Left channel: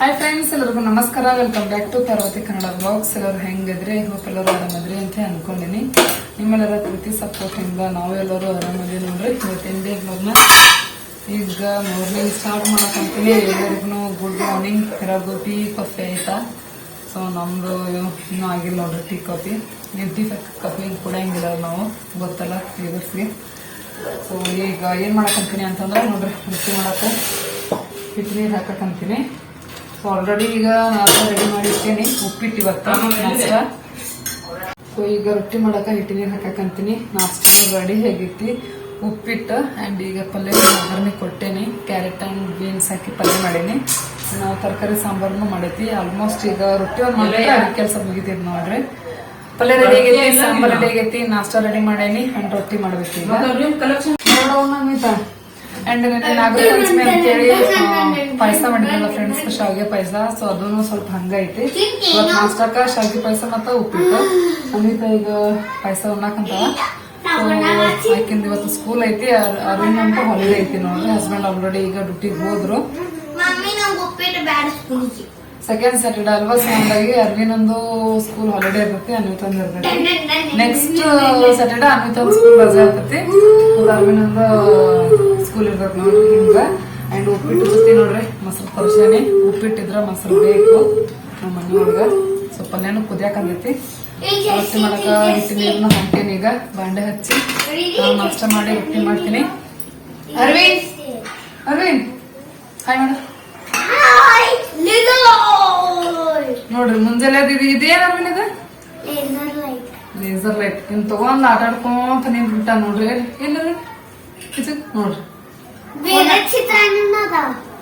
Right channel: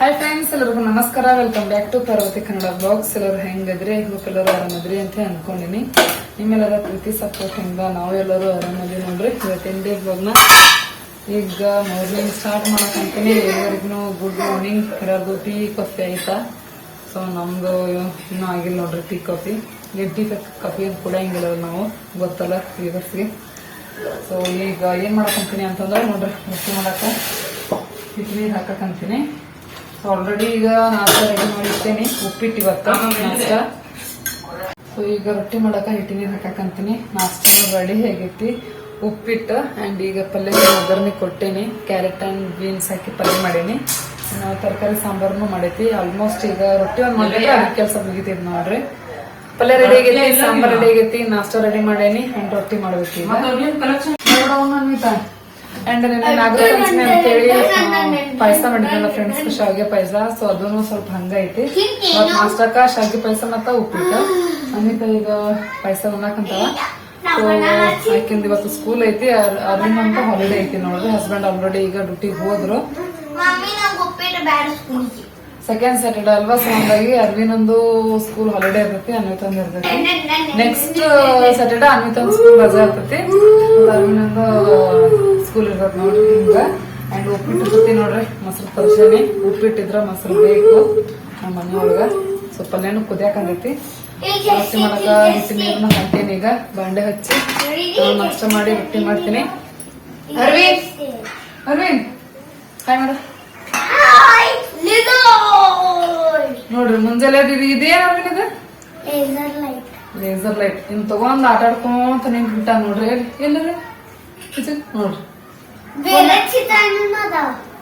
Hi friends ಎಲ್ಲರಿಗೂ ನಮಸ್ಕಾರ. Welcome back to Parvati Kannada blogs ಎಲ್ಲರೂ ಹೆಂಗಿದ್ರಿ? ಹೋಪ್ ಎಲ್ಲರೂ ಆರಾಮದ್ರಿ ಅಂತ ಅನ್ಕೊಂಡಿನಿ. ನಿಮ್ಮೆಲ್ಲರ ಪ್ರೀತಿ ಸಪೋರ್ಟ್ ಹೆಂಗ ನಾವೆಲ್ಲರೂ ಆರಾಮದ್ರಿ ನೋಡ್ರಿ. ಇವತ್ತಿನ ಡೇ ಬ್ಲಾಗ್ನ ಈಗ ಮಾರ್ನಿಂಗ್ ಸ್ಟಾರ್ಟ್ ಮಾಡಕ್ಕಂತೀನಿ ಎಲ್ಲರಿಗೂ ಗುಡ್ ಮಾರ್ನಿಂಗ್ ಎಲ್ಲರಿಗೂ ಟೀ ಕಾಫಿ ಆಯ್ತಾ? ಸೊ ನಮ್ದು ಇನ್ನೂ ಆಗಿಲ್ಲ ನೋಡ್ರಿ ಟೀ ಕಾಫಿ ಎದ್ದಿ ಕಾಫಿ ಕುಡಿಯಂಗಿಲ್ಲ ನಾವು. ಗೊತ್ತಲ್ಲ ಇವರ್ಸ್ಗೆ ಸೊ ಈಗ ಏನ್ ಮಾಡ್ಕೊಂತೀನಿ ಅಂತಂದ್ರೆ ನೋಡ್ರಿ ಮಿಕ್ಸಿ ಮಾಡಕ್ಕೆ. ಹಿಟ್ಟು ನೀರು ಹಾಕಕ್ಕಂತೀನಿ ಸೊ ಆಲ್ರೆಡಿ ಈಗ ನಾಷ್ಟ ರೆಡಿ ಮಾಡಿರ್ತೀನಿ. ಉಪ್ಪಿಟ್ಟು ಇವತ್ತು. ನಾಷ್ಟ. ಸೊ ಈಗ ರೊಟ್ಟಿ ಮಾಡೋಕೆ ಹಿಟ್ಟಿಗೆ ಹಾಕಂತೀನಿ. ನಾಷ್ಟ ರೆಡಿ ಹೇಗಿರ್ತಿ? ಉಪ್ಪಿಟ್ಟು ಆ್ಯಂಡ್ ಈಗ ಪಲ್ಯ ಒಗ್ಗರಣೆ ಕೊಟ್ಟೇನಿ ಕ್ಯಾರೆಟ್ ಆ್ಯಂಡ್ ಬೀನ್ಸ್ ಹಾಕಿ ಪಲ್ಯ ಮಾಡೇನಿ. ನಾವು ತರಕಾರಿ ಸಾಂಬಾರ್ನು ಮಾಡೈತಿ ಆಲ್ಮೋಸ್ಟ್ ಈಗ ರೊಟ್ಟಿ ಒಂದು ಮಾಡಿದ್ರೆ ಅದಕ್ಕೆ ಕೆಲಸ ಮುಗಿತೈತಿ ನೋಡ್ರಿ. ಪಲ್ಯ ರೆಡಿ ಆಗೈತಿ ಸಾಂಬಾರ್ ರೆಡಿ ಆಗೈತಿ. ನಾಷ್ಟ ರೆಡಿ ಮಾಡೇನಿ. ಆ್ಯಂಡ್ ರೊಟ್ಟಿ ಮಾಡ್ಬೇಕು ಈಗ ನೋಡೋಣ ಅಂಡ್ ನಿನ್ನೆ ಅಂತ ಪಂಚಮಿ ಅಂತೇಳಿ ಪಾಯಸ ಮಾಡಿದ್ನಲ್ಲ ಫ್ರೆಂಡ್ಸ್ ಶಾವಿಗೆ ಪಾಯಸ. ಸೊ ಅದನ್ನು ಸ್ವಲ್ಪ ಹಂಗೈತಿ ನಾಷ್ಟಕ್ಕ ಶಾವಿಗೆ ಪಾಯಸ ಮತ್ತ ಉಪ್ಪಿಟ್ಟು. ಅಮಿತ ಈಗ ಪಾಯಸ ಉಣ್ಣಾಕಂತಾವ ಸೊ ಆಕಿಂದ ಇವತ್ತು ಸ್ಕೂಲ್ ಐತಿ ಅರ್- ಅರವಿಂದ್ ಅಂತ ಹಾಲಿಡೇ ಐತಿ ನೋಡ್ರಿ. ಹಸ್ಬೆಂಡ್ ಆಲ್ರೆಡಿ ಈಗ ಡ್ಯೂಟಿಗೆ ಹೋದ್ರು. ಉಪ್ಪಿಟ್ಟು ಸೆಕೆಂಡ್ ಸ್ಯಾಟರ್ಡೆ ಅಲ್ವಾ? ಸೊ ಹಂಗಾಗಿ ಅರ್ವಿನೊಂದು ಸ್ಕೂಲ್ ಹಾಲಿಡೇ ಇರ್ತೈತಿ, ಅನ್ವಿತಂದು ಇರ್ತೈತಿ. ನೆಕ್ಸ್ಟ್ ಸ್ಯಾಟರ್ಡೆ ಅನ್ವಿತಂದ್ ಸ್ಕೂಲ್ ರಜೆ ಇರ್ತೈತಿ. ಅರ್ವಿನೊಂದು ಸ್ಕೂಲ್ ಇರ್ತೈತಿ ನೋಡ್ರಿ ಹಿಂಗ. ಅಂಡ್ ಉಪ್ಪಿಟ್ಟು ಸುತ್ತಿ ನೋಡ್ರಿ, ಮೊಸರು ತರ್ಸೇನಿ ಉಪ್ಪಿಟ್ಟಿದ್ರ ಮೊಸರು ಬೇಕು ನಮ್ಮ ಮನೆಯೊಳಗ ಸ್ವಲ್ಪ ಪಲ್ಯನು ಕುದಿಯಾಕಂದೈತಿ ರೊಟ್ಟಿ ಮಾಡಕ ಹಿಟ್ಟು ನೀರನ್ನ ಹಾಕ್ತೇನೆ ಈಗ ಬಾಂಡೆ ಹಚ್ಚಿ, ನಾನು ನಾಷ್ಟ ಮಾಡಿ ರೊಟ್ಟಿ ಮಾಡ್ತೀನಿ. ಅರವಿಂದ್ ಅರವಿಂದ್ ಹಾಯ್ ಮೇಡಮ್ ನೋಡ್ರಿ ಮುಂಜಾನೆ ಅದೀವಿ ಇದು ಇದೇನ್ ಅರವಿಂದ್ ಲೇಸರ್ ಲೈಟ್ ಇನ್ ತಗೊಂಡ್ ಆಟ ಆಡ್ಕೊಂತ ನಿಂತ್ಬಿಟ್ಟ ನೋಡ್ರಿ ಎಲ್ಲರಿ ನೋಡ್ರಿ.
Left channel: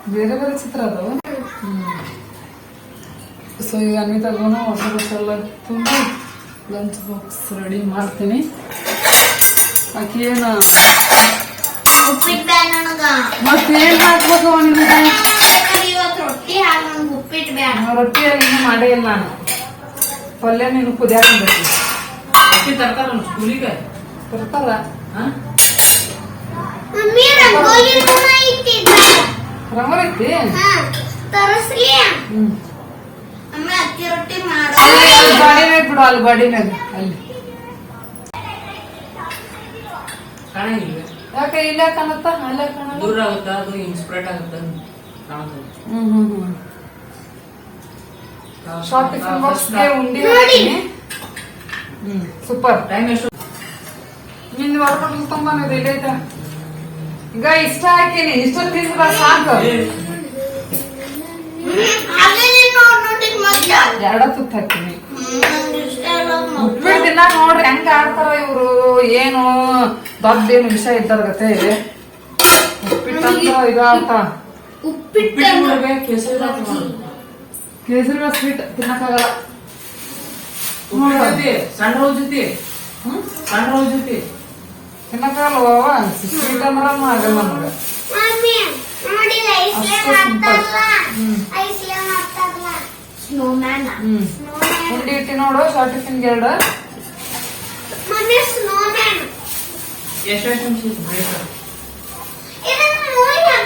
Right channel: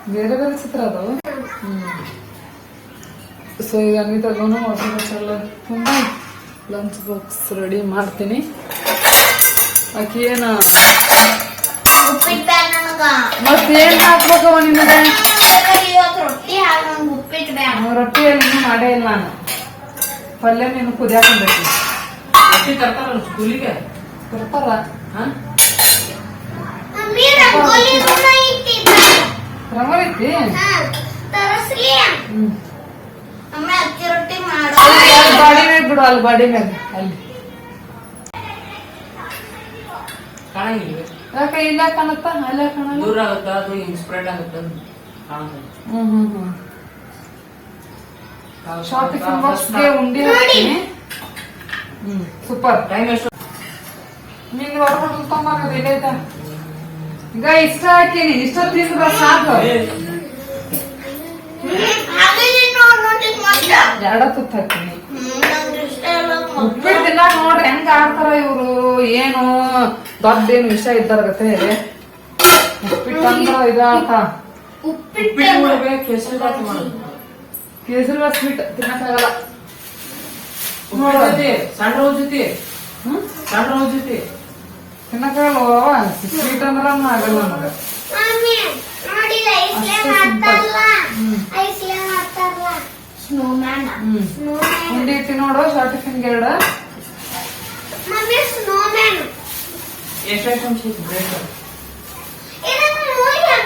ಬೇರೆ ಬೇರೆ ಚಿತ್ರ ಅದಾವ? ಸೊ ಈಗ ಅನ್ವಿತಾಗೂನು ವಾಟರ್ ಬಾಕ್ಸ್ ಎಲ್ಲ ತುಂಬಿ ಲಂಚ್ ಬಾಕ್ಸ್ ರೆಡಿ ಮಾಡ್ತೀನಿ. ಆಕಿ ಏನು? ಮತ್ತೇನು ನನಗ ಹಾಕ್ಬೇಕು ನಿಮಗೆ ಉಪ್ಪಿಟ್ಟು ಬ್ಯಾಡ. ರೊಟ್ಟಿ ಅಲ್ಲಿ ಮಾಡೇ ಇಲ್ಲ ನಾನು. ಪಲ್ಯ ನೀನು ಕುದಿಯಾಕೊಂಡ್ಬೇಕು ಬರ್ತಾರ ಮಮ್ಮಿ ಸ್ಕೂಲಿಗೆ ಐತಿ. ರೊಟ್ಟಿ ಅಲ್ಲಿ ಅಲ್ಲಿ ಬಾಡಿ ಮ್ಯಾಗ ಬಿಡು ಅಲ್ಲಿ ಬಾಡಿ ಮ್ಯಾಗ ಅಲ್ಲಿ ಯಾಕೆ ಇಲ್ಲ ಕಾಣತ್ತ? ಅಲ್ಲೇ ಕಾಣ ದೂರ ಆಗುತ್ತೆ? ಅದು ಸ್ಪ್ರೆಡ್ ಆಗುತ್ತೆ. ಹ್ಮ್ ಹ್ಮ್ ಹ್ಮ್. ಶಾರ್ಟ್ ಟಿಫಿನ್ ಬಾಕ್ಸ್ಗೆ ಉಂಡಿ ಹ್ಮ್ ಸೂಪರ್ ಟೈಮ್ ಎಷ್ಟು ನಿಂದು ಹೊರಗಡೆ ತೊಂಬನ್ನೋದು ಇಲ್ಲೈತ ಈಗ ಇಷ್ಟ ಹಾಕಿನಿ ಇಷ್ಟ ತಿಂದ್ರೆ ಸಾಕು. ಎರಡ ತುತ್ತ ಹಾಕ್ತೀನಿ. ಉಪ್ಪಿಟ್ಟು ತಿನ್ನಾಕ ನೋಡ್ರಿ ಹೆಂಗ ಆಡ್ತಾರ ಇವ್ರು ಏನು ದೊಡ್ಡೇನು ವಿಷಯ ಗತೆ. ಉಪ್ಪಿಟ್ಟು ಅಂದ್ರ ಇದ ಉಪ್ಪಿಟ್ಟು ಉಪ್ಪಿಟ್ಟು ಕೇಸರಿ ಬಾತ್ ಮಾಡೋದು. ಕೇಸರಿ ಬಾತ್ ಸ್ವೀಟ್ ತಿನ್ನಕ್ಕಾಗಲ್ಲ. ಉಪ್ಪಿಟ್ಟು ಸಣ್ಣ ಜೊತೆ. ಹ್ಮ್? ಸಣ್ಣ ಜೊತೆ. ತಿನ್ನಕ್ಕಾಗಲ್ವ? ಸ್ವೀಟ್ ಅಂದ್ರ ಆಗಲ್ಲ ನಮಗ. ನೋಡಿ ಉಂಡಿ ಇಟ್ಟಿ ನೋಡು ಶಾರ್ಟ್ ಟಿಫಿನ್ ಎರಡು ಮಮ್ಮಿ ಸ್ನೋಮ್ಯಾನ್ ಎಷ್ಟು ಐಟಮ್ಸ್ ಬೇಕು ಇದನ್ನ ನೋಡಿ ಹಂಗೋ ಐತಿ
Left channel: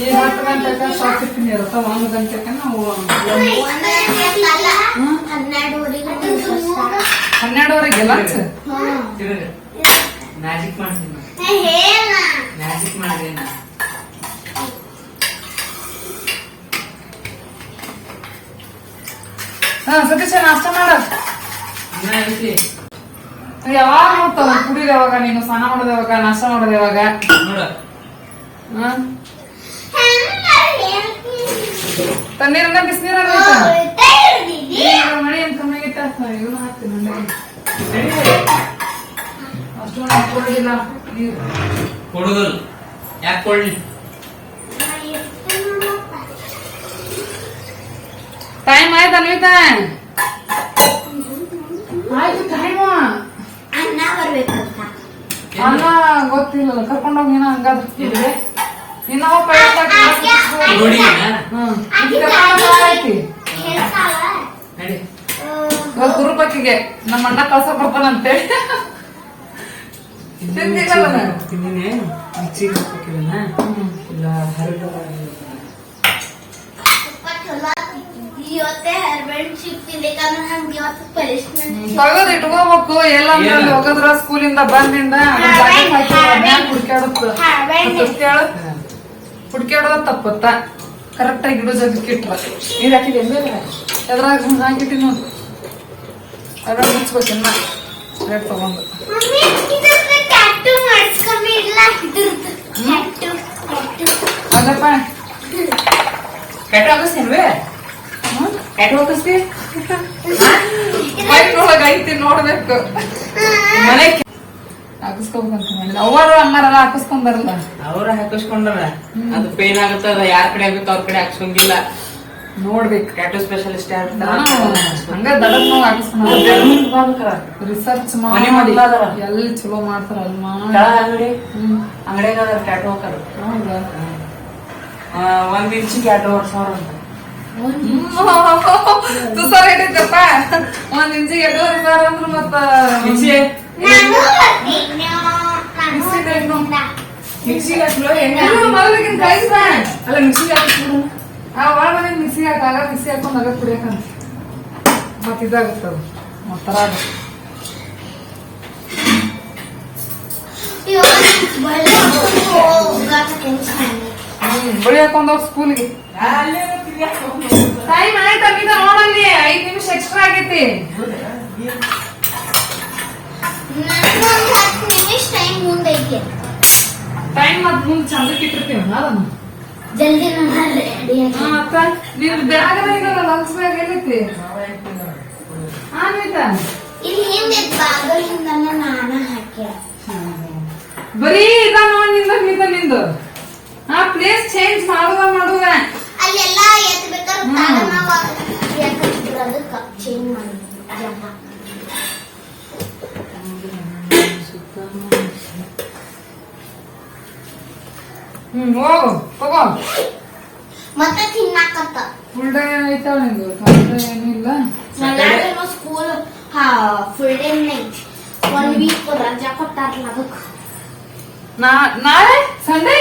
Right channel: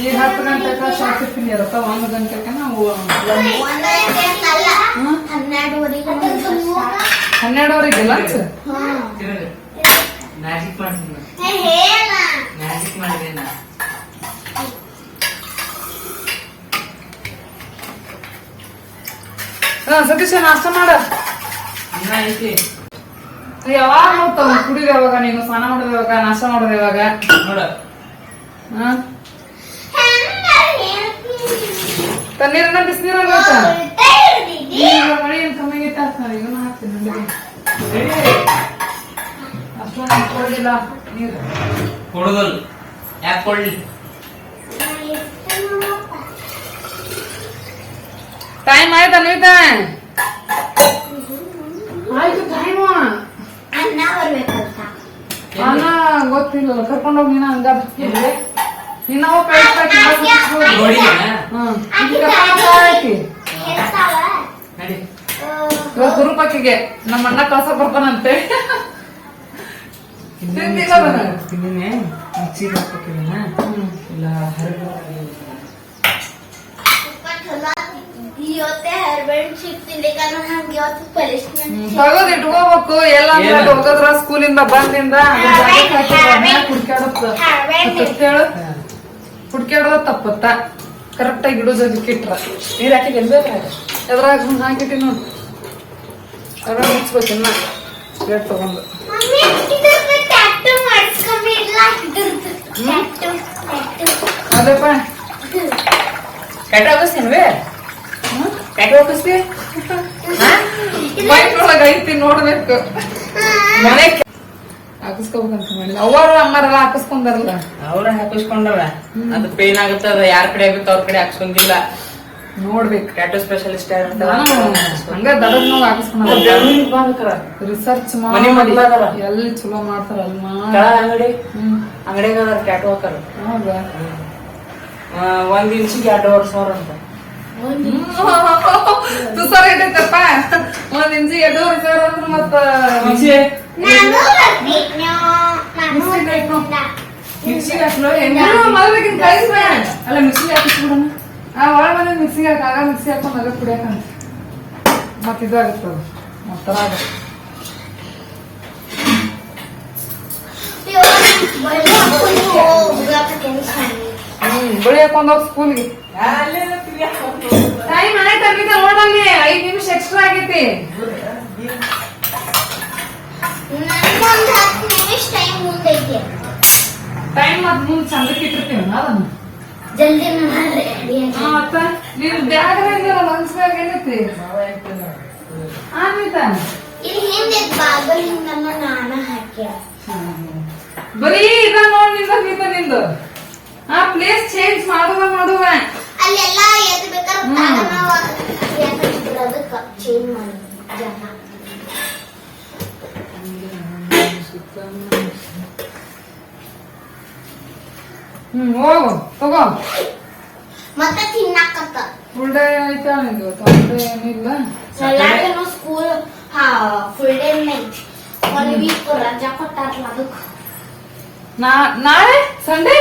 ಈಗ ಹತ್ತು ಗಂಟೆಗೆ ಶಾರ್ಟ್ ಟಿಫಿನ್ ಇರುತ್ತೆ ಒಂದು ಗಂಟೆಗೆ ನಾವು? ಹನ್ನೆರಡುವರೆಗೆ ಮ್ಯಾಜಿಕ್ ಮ್ಯಾಜಿಕ್ ಹಾ, ಸತೀಶ, ನಾಷ್ಟ ಮಾಡ. ಯಾವಾಗ ನೋಡ್ತಾವ? ಕುಡಿದ ಯಾವಾಗ? ನೀನು ಸ್ನಾನ ಮಾಡೋದು ಯಾವಾಗ? ನಾಷ್ಟ ಮಾಡೋದು ಯಾವಾಗ? ತಣ್ಣೀರನ್ನ ಬಿಸಿನೀರನ್ನ ಐತಾ ಈಗ ಮಳಿ ಅಂತ ಕಮ್ಮಿಗಿತ್ತ ಇವನ್ನ ಹಾಕ್ತೀನಿ ಅಷ್ಟು ಅಷ್ಟೊಂದು ಹಾಕೊಳ್ಳೋದಿಲ್ಲ ನೀರು. ಕೊಡುಗಲ್ ಯಾಕೆ ಕೊಡ್ಲಿ? ಟೈಮ್ ಆಯ್ತು ಅನ್ವಿತಾ ಆಯ್ತು ಟೈಮು ಅನ್ನ ಬರ್ಬೇಕಂತ. ಅನ್ನ ಗೊತ್ತಿಲ್ಲ ಕರ್ಕೊಂಡೋಗಿ ನೀನ ಹಂಗಾದ್ರೆ ನಿನ್ನ ಹೋಗಿ. ನೋಡಿ. ಗುರುಪತಿಗೆ. ನಮ್ಮ ಅಣ್ಣ ಕಳ್ಸ ಬರ್ತಾನಂತೆ? ತಿಂದಿನಿ. ಮಿಕ್ಸಿಗೆ ಹಾಕ್ಬೇಕಿವನ್ನ. ಇಲ್ಲ ತಗದ್ ಇಟ್ಕೋಬೇಕು. ಎಲ್ಲ ಏನು? ಹೋಗದ್ರ ಸ್ಕೂಲಿಂದ ಬಂದಿಂದ. ಅದ್ರ ಹುಡ್ಕ್ಯಾಡೋದ ತಪ್ಪತ್ತ. ಕರೆಕ್ಟ್ ಆಗಿ ಇಡೋ ಜಾಗಕ್ಕೆ ಇಟ್ರ. ನೀರ್ ಹಾಕಿದ್ದೆ ಎದ್ರಾಗ ಹಿಂಗ್ ಹಾಕಿದ್ದೀನಿ ನೋಡಿ. ಅದ್ರ ಮುಚ್ಬೇಕು ಇನ್ನ. ರೇಟ್ ತಗೊಂಡು. ಅದಪ್ಪ. ಟ್ಯಾಟೋ ಹಾಕಿಸ್ತೀನ್ವೇ? ಟ್ಯಾಟೋ ಹಾಕಿಸ್ತಿ? ಬೈಕ್ ಒಳಗ ಐತಿ ನೋಡ್ಬೇಕು. ಮನೆ ಹಾಕಿಸ್ಕೋಬೇಕಂತ ಮಾಡಿದ ಅವರು ಅಮ್ಮಾರೆಲ್ಲ ಹಾಕಿಸ್ಕೊಂಡಾರಲ್ಲ ಅವ್ರ ಹಾಕಿಸ್ಕೊಂಡಾರ ಅದು ಪೇನ್ ಆಗುತ್ತೆ ಅದ ಯಾರ ಕಡೆ ಆಗುತ್ತೆ ಅವ್ರ ಕಡೆ ಹಾಕ್ಸಂಗಿಲ್ಲ. ನೋಡ್ಬೇಕು. ಟ್ಯಾಟೋ ಸ್ಪೆಷಲಿಸ್ಟ್ ಹಂಗ ದಡದ್ ನೋವು ಹಾಕಿಸ್ಕೊಂಡ ರಿಸರ್ಚ್ ಮಾಡಿ. ಎಲ್ಲಿ ಚಲೋ ಮಾಡ್ತಾರ ಅಲ್ಮಾ ಅಂಗಡಿ? ಅಂಗಡಿಗೆ ಟ್ಯಾಟೋ ಹಾಕಾರ. ಹೌದಾ? ಒಂದ್ ಇಂಚಿಗೆ ಎರಡು ವರ್ಷ ಅಂತ. ತುಸಾರ ಏನೈತಪ್ಪ ಒಂದ್ ಇಂಚಿಗೆ ಎರಡೂವರೆ ಸಾವಿರ ಅಂದ್ರ ಮತ್ತ ಮಿಕ್ಸಿಗೆ ಹಾಕ್ಲು ಇವ್ರು ಮೊದಲಿಗಿನ ಕೈಸ ಅಲ್ಲ ಮಿಕ್ಸಿಗೆ ಹಾಕಿಸ್ಬಿಡೋಣ. ಆ ಒಳಗ ಮಿಕ್ಸಿಗೆ ಹಾಕ ಆಗ ಮಿಕ್ಸಿ ಹಾಕೊಂಡ್ ಅದ ಕುಡಿಯಕಂತ ಮತ್ ಇದಾಗುತ್ತದ ಮತ್ತರಾಗ ಇವತ್ತು ಬಳ್ಳಿ ಹಾಕೊಂಡು ಹೋಗಾಕತ್ತೀನಿ ಶಾಲೆಗೆ. ಹ್ಮ್ ಬಳಿ ಹಾಕೊಂಡ್ ಹೋಗ್ ಸ್ಕೂಲ್ಗೆ. ಟೈಮ್ ಆಯ್ತಾ ಅಮಿತ ನೋಡಲ್ಲಿ ಐದ್ ನಿಮಿಷ ಎಕ್ಸ್ಟ್ರಾ ಆಗೈತಿ. ಟೈಮ್ ಮುಂದೆ ಐತಿ ಟೈಮ್ ಮತ್ ಮುಂದ್ ಚಂದಕ್ಕೆ ಇಟ್ಟಿರ್ತೀವಿ ಅದನ್ನ. ಜಲ್ದಿ ಮತ್ತ ನೀವು ಬ್ಯಾಗ್ ಇದಲ್ಲ ಲಂಚ್ ಬ್ಯಾಗ್ ಏನೈತಿ? ಬರೀ ಇದ ನೋಡ್ನಿಂದ ನಿಂದ ನಿಂದು. ಆ ಪ್ಲೇಸ್ ಚೇಂಜ್ ಮಾಡುವ ಮಾಡುವ ಅಲ್ಲೆಲ್ಲ ಬೇಕಾದ್ರೆ ಚೇಂಜ್ ಮಾಡಿ ಹ್ಮ್ ಹೋಗು ತಗೋ ಮತ್ತೆ ತಿನ್ನಕಂತ ಫುಲ್ ಡೇ ಐತಲ್ಲ ನಿಂದು? ತೊಂದ್ರೆ ಏನೂ ಇಲ್ಲ ಎಲ್ಲಾರು ಸ್ಕೂಲ್ ಹಾ full day night one week ರಜಾ ಕೊಟ್ಟಾರಲ್ಲ ಅದಕ್ಕೆ ನಾ ನಾಳೆ? ಸಂಡೇ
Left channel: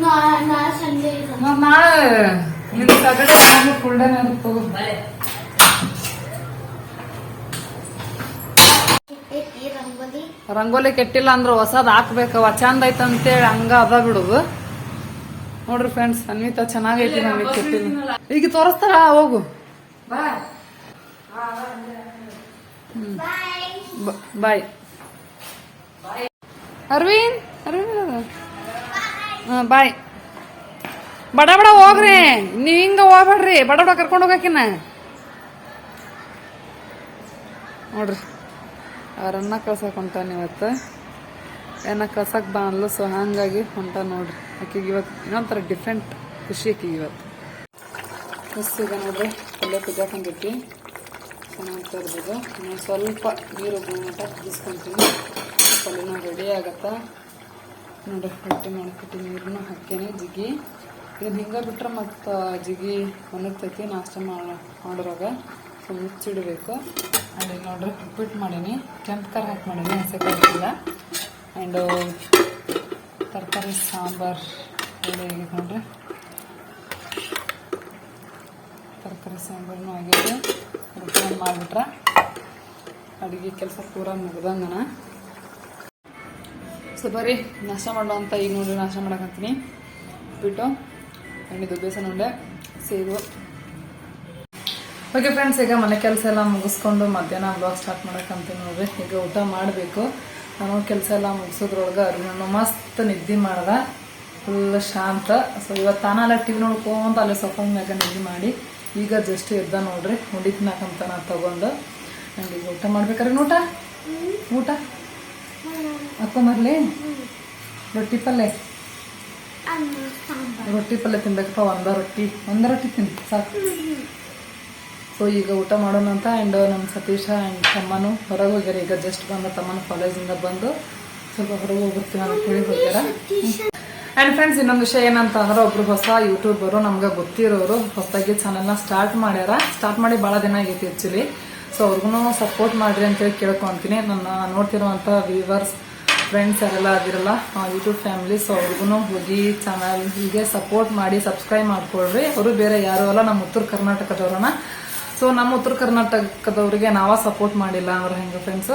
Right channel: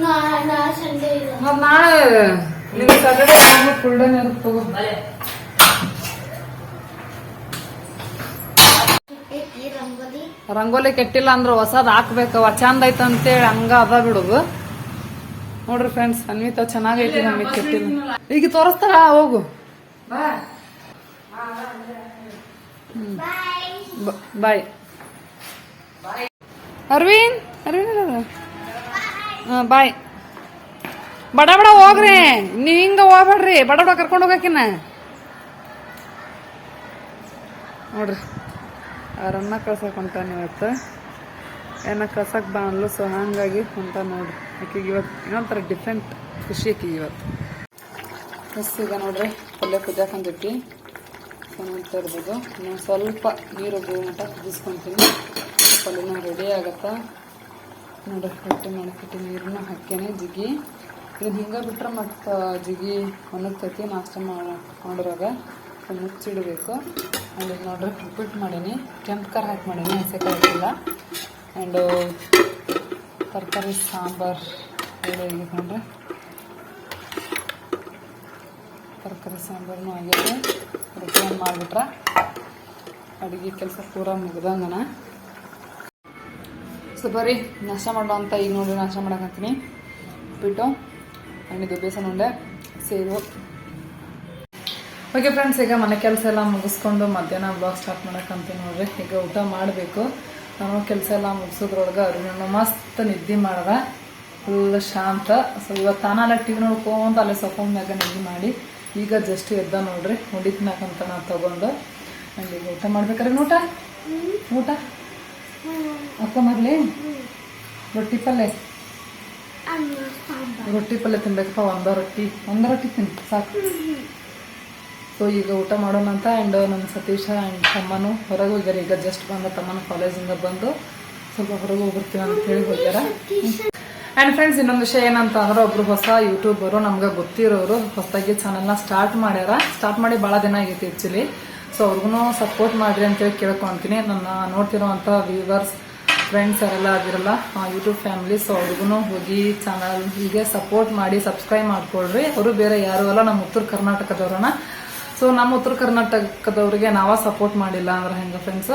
ನಾ ನಾ ಸಂಡೇ ಇಲ್ಲ. ಮತ್ ನಾಳೆ ನಿನ್ ಸ್ಯಾಟರ್ಡೇ ಫುಲ್ ಡೇ ಇರುತ್ತೆ ತಗೋ ಈ ರಂಗೋಲಿ? ರಂಗೋಲಿ ಕೆಟ್ಟಿಲ್ಲ ಅಂದ್ರ ಹೊಸದ್ ಹಾಕ್ಬೇಕವ ಚಂದ ಐತಂತೇಳಿ ಹಂಗ ಅದ ಬಿಡುದು ನೋಡ್ರಿ ಫ್ರೆಂಡ್ಸ್ ಅನ್ವಿತಾ ಚೆನ್ನಾಗೈತಿ ನಮಗೆ ಕೆಟ್ಟಿಲ್ಲ ಈಗ ತೋರಿಸ್ತಾರ ಹೋಗು. ಬಾಯ್. ಅರವಿಂದ್ ಅರವಿಂದ್ ಹಾ ಬಾಯ್. ಬಡ ಬಡ ಹೋಗ್ರಿ. ನೀವ್ ಹಿಂಗ ಹೋಗ್ಬೇಡ್ರಿ. ಬಡ ಬಡ ಕರ್ಕೊಂಡು ಹೋಗಕಿನ ನೋಡ್ರಿ. ಅವ್ರನ್ನ ಕಳ್ಸಕ್ ಹೊಂಟಾನ ಇವತ್ತು? ಏನ ಕಳ್ಸಕ್ ಬಾ ಅನ್ಲು ಸೊ ಹಂಗಾಗಿ ಹೊಂಟ ನೋಡ್ರಿ. ಆಕಿಗೆ ಇವತ್ತು ಇನ್ನೊಂಥರ ಡಿಫ್ರೆಂಟ್ ಖುಷಿ ಐತಿ ಇವತ್ತು? ಫಸ್ಟ್ ಈಗ ನೋಡ್ರಿ, ಪಲ್ಯ ಕುದಿಯಾಕಂದಿಟ್ಟಿ ಚೆನ್ನಾಗಿ ತರ್ಬೋದು. ನಾನು ಸ್ವಲ್ಪ ನೀರು ಮಟ್ಟ ಕುದಿಸ್ಕೊಂತೀನಿ. ಪಲ್ಯನ ರೆಡಿ ಆಗತ್ತಾ? ನೋಡ್ರಿ ರೊಟ್ಟಿ ಮಾಡ್ಬಿಟ್ಟು ನೀರನ್ನ ಹಾಕ್ತೇನೆ ಜಿಗಿ. ಇದನ್ನ ಹಿಂಗೆ ಬಿಟ್ರೆ ಮತ್ತು ಜಿಗಿ ಒಣಗ್ತೈತಿ, ನಾಷ್ಟ ಮಾಡೋರಾಗ. ಸೊ ಮುಚ್ಚಿಡಬೇಕು. ಅಲ್ಲಿ ನೋಡ್ರಿ ಉಪ್ಪಿಟ್ಟು ಮಾಡೀನಿ. ಕೆಂಪು ಖಾರ ಹಾಕಿ ಮಾಡೀನಿ ಹಸಿ ಕಾಯಿಲ್ಲ ಆ್ಯಂಡು ತರಕಾರಿ, ಸಾಂಬಾರು ಆಗೈತೆ ನೋಡ್ರಿ ತರಕಾರಿ, ಸಾಂಬಾರನು ಆಗಿದೆ. ರೊಟ್ಟಿ ಮಾಡಿಬಿಟ್ರೆ? ಅಡುಗೆ ಕೆಲಸ ಪೂರ ಮುಗ್ದಂಗನ ಸೊ ಬರ್ರಿ, ನಾಷ್ಟ ಮಾಡೋ ಅಂತ ಈಗ ನೋಡಿ, ನಾಷ್ಟ ಮಾಡಕಂತೀನಿ ಉಪ್ಪಿಟ್ಟು ಹಣ್ಣಿದು ಬೇಸನ್ ಉಂಡೆ ಸೇರು ಓಕೆ ಫ್ರೆಂಡ್ಸ್ ಈಗ ಮನೆ ಕೆಲಸ ಎಲ್ಲ ಮುಗಿಸ್ಕೊಂಡು ಮಧ್ಯಾಹ್ನ ಬ್ಲಾಗ್ ಸ್ಟಾರ್ಟ್ ಮಾಡೋಕ್ಕಂತೀನಿ ನೋಡ್ರಿ. ಈಗ ಊಟ ಮಾಡಬೇಕು. ನಾನು ಕೆಲಸ ಎಲ್ಲ ಮುಗಿಸೋದ್ರೊಳಗೆ ಅರುಣನು ಮಸ್ತ್ ನಿದ್ದೆ ಮಾಡ್ದ. ಫುಲ್ ಶಾಂತ. ಸೊ ಇವತ್ತು ತಾನಲ್ಲ ಟಿ ವಿ ನೋಡ್ಕೊಂತ ಅಲ್ಲೇ ಸಫನ್ ಮ್ಯಾಗ ನಿದ್ದೆ ಮಾಡಿ ಈಗ ಜಸ್ಟ್ ಎದ್ದ ನೋಡ್ರಿ ಉಂಡಿ ತಿನ್ನಕಂತ ನಾ ತಗೊಂಡು. ನಂಗೆ ಈಗ ಊಟ ಮಾಡ್ಬೇಕಾರೆ ಊಟ? ಊಟ? ಅಪ್ಪ ಮರ್ಲಿ? ರೊಟ್ಟಿ ಪಲ್ಯ ರೊಟ್ಟಿ ಪಲ್ಯ ತಿನ್ಬೇಕಪ್ಪ ಒಂದ ರೊಟ್ಟಿ. ಒಂದ ರೊಟ್ಟಿ ತಿನ್ ಸಾಕು. ಸೊ ಈಗ ಊಟ ಮಾಡೋಣ ಅಂತ ಆ್ಯಂಡ್ ನಮ್ಮ ಸತೀಶ ಆ್ಯಂಡ್ ತಮ್ಮನು ಹೊರಗೆ ಹೋಗ್ಯಾರ. ಈಗ ಜಸ್ಟ್ ಬಂದ ತಮ್ಮನ ಕಾಲೇಜಿಂದ ಬಂದು ಸ್ವಲ್ಪ ಹೊರಗೆ ಹೋಗ್ಬಿಡ್ತೀವಿ ಅಂತ ಹೇಳಿ ಹೋಗ್ಯಾರ. ಆ್ಯಂಡ್ ಫ್ರೆಂಡ್ಸ್ ಇನ್ನೊಂದು ವಿಷಯ ಏನಂತ ಅಂದ್ರೆ ಒಬ್ರು ಹೊಸ ಯೂಟ್ಯೂಬರು ನಮ್ಗೆ ಗೊತ್ತಿರೋರು ಹೊಸದಾಗಿ ಚಾನಲ್ನ ಸ್ಟಾರ್ಟ್ ಮಾಡ್ಯಾರ. ಸ್ಟಾರ್ಟ್ ಮಾಡಿ ಭಾಳ ದಿನ ಆಗೈತಿ ಆ್ಯಕ್ಚುಲಿ ಸೊ ಅವ್ರಿಗೂ ಸಪೋರ್ಟ್ ಮಾಡ್ರಿ ಅಂತೇಳಿ ಕೇಳ್ಕೊಂತೀನಿ ನನ್ನ ನೋಡ್ತಿರೋವಂಥ ವ್ಯೂವರ್ಸ್ ಫ್ರೆಂಡ್ಸ್ ಯಾರೆಲ್ಲ ಆಗಿರಲ್ಲ ಯೂಟ್ಯೂಬ್ ಫ್ಯಾಮಿಲಿ ಸೊ ಅವ್ರಿಗೂ ಹೋಗಿ ಚಾನಲ್ ಹೀಗೆ ಸಪೋರ್ಟ್ ಮಾಡಿ ಸಬ್ಸ್ಕ್ರೈಬ್ ಮಾಡ್ಕೊಳ್ರಿ. ಅವರು ಬೇರೆ ಯಾರು ಅಲ್ಲ, ನಮ್ಮ ಉತ್ತರ ಕರ್ನಾಟಕದವ್ರನ್ನ. ಸೊ ನಮ್ಮ ಉತ್ತರ ಕರ್ನಾಟಕದವರಿಗೆ ನಾವ ಸಪೋರ್ಟ್ ಮಾಡಿಲ್ಲ ಅಂದ್ರೆ ಹೆಂಗ ಫ್ರೆಂಡ್ಸ್